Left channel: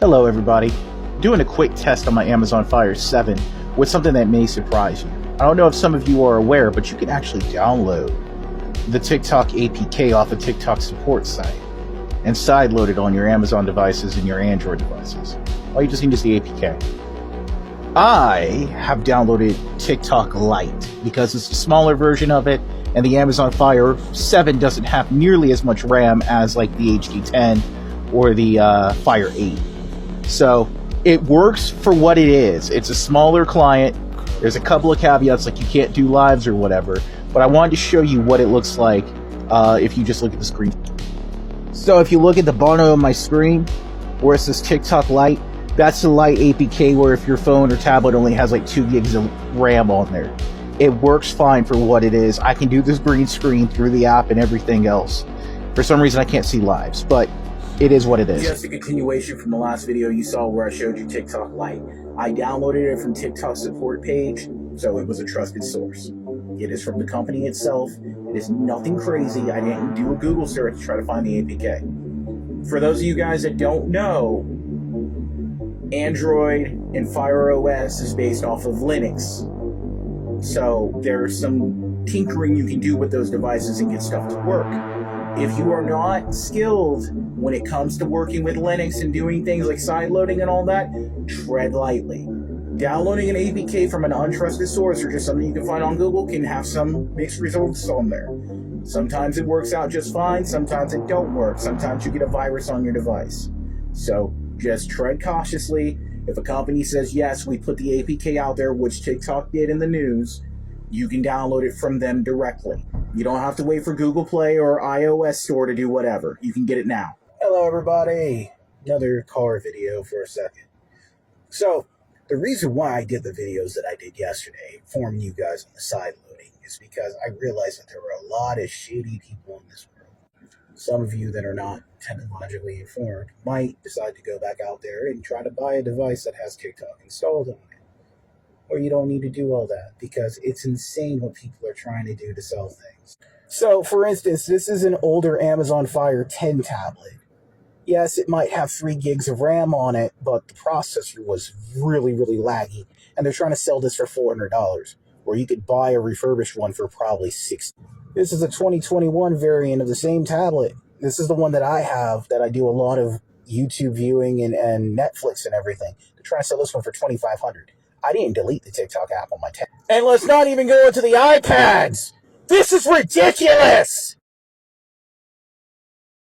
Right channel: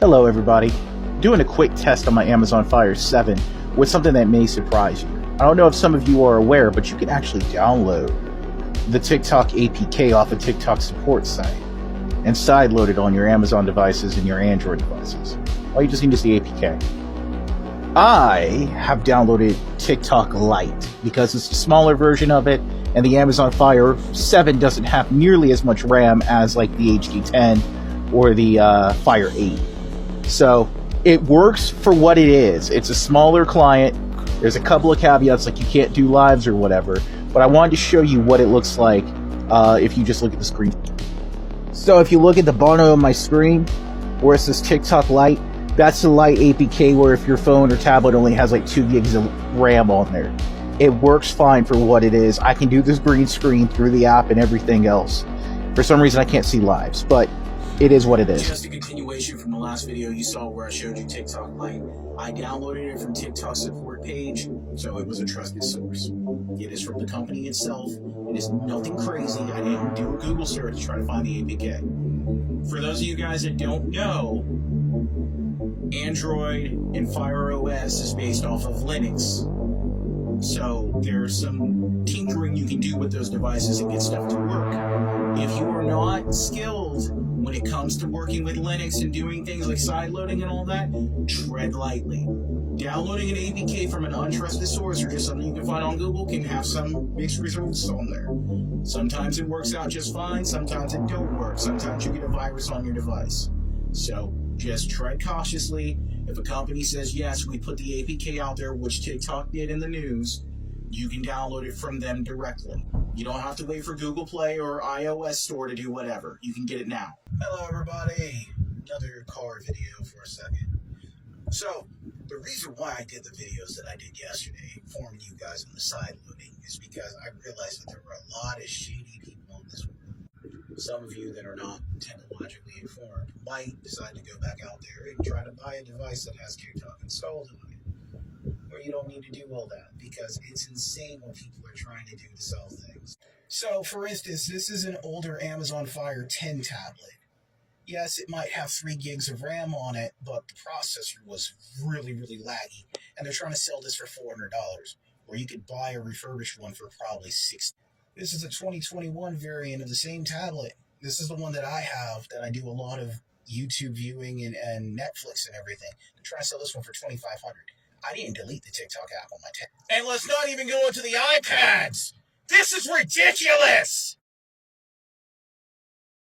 Hello everybody. Doing a quick test on my Amazon Fire 7 with something that may surprise you. I don't know if some of you are aware, but you can actually download the TikTok APK off a TikTok support site and sideload it on your Amazon devices and your Android devices. All you just need is the APK. I have downloaded TikTok Lite because it's a smaller version of it, and the Amazon Fire 7 doesn't have nearly as much RAM as like the HD10 or the Fire 8. So it works for what it is. It's a smaller client. There's a couple of caveats like you can't do lives or whatever, but I wanted to show you what it looks like if you just look at the screen. So if you look at the bottom of my screen where it says TikTok Lite, that's the Lite APK, where if your phone or tablet only has like 2 gigs of RAM on there. It works fine for what it is. I can do this green screen through the app and everything else. For some reason I can't see lives, but it is what it is. Just a continuation from the last video you saw where I showed you TikTok Lite. I downloaded it from TikTok's support page, so it was a trusted source. It is from the company itself. It is nothing crazy. I didn't do a Google search to try to find the APK. For those of you guys that don't know, Android and Fire OS is based off of Linux. So there's some tinkering you can do with those devices and get stuff to work. If you are not skilled when it comes to working with Linux and doing things like sideloading and all that, tread lightly. Downloading an APK from an untrusted source or just something you can find on Google can have some mixed results on there. Sometimes it works out just fine, sometimes it don't work. Sometimes you get a virus on your device. So just tread cautiously. If a company says, yes, we put the APK out there, which TikTok did in the news, you can download it from them directly. You don't have to wait for Google Play or iOS Store to do whatever. You can get it now. Hello, everybody. Another car video for a second. So, the reason why I did the videos that I did yesterday, informing you guys on the side loading, is because I realized that there were a lot of shady people in this world. Some of you that are not technologically informed might decide to go back out there and try to buy a device that has TikTok installed on it. Or you don't need to do all that because it's insane what people are trying to do to sell things. So, for instance, this is an older Amazon Fire 10 tablet. Yes, it might have 3 gigs of RAM on it, but the processor was really, really laggy, and they're trying to sell this for $400, where you could buy a refurbished one for probably $60. This is a 2021 variant of the same tablet. This is the one that I have, that I do a lot of YouTube viewing and Netflix and everything. They're trying to sell this one for $2,500. I didn't delete the TikTok app on my tablet. And let's not even go into the iPads. This is ridiculous.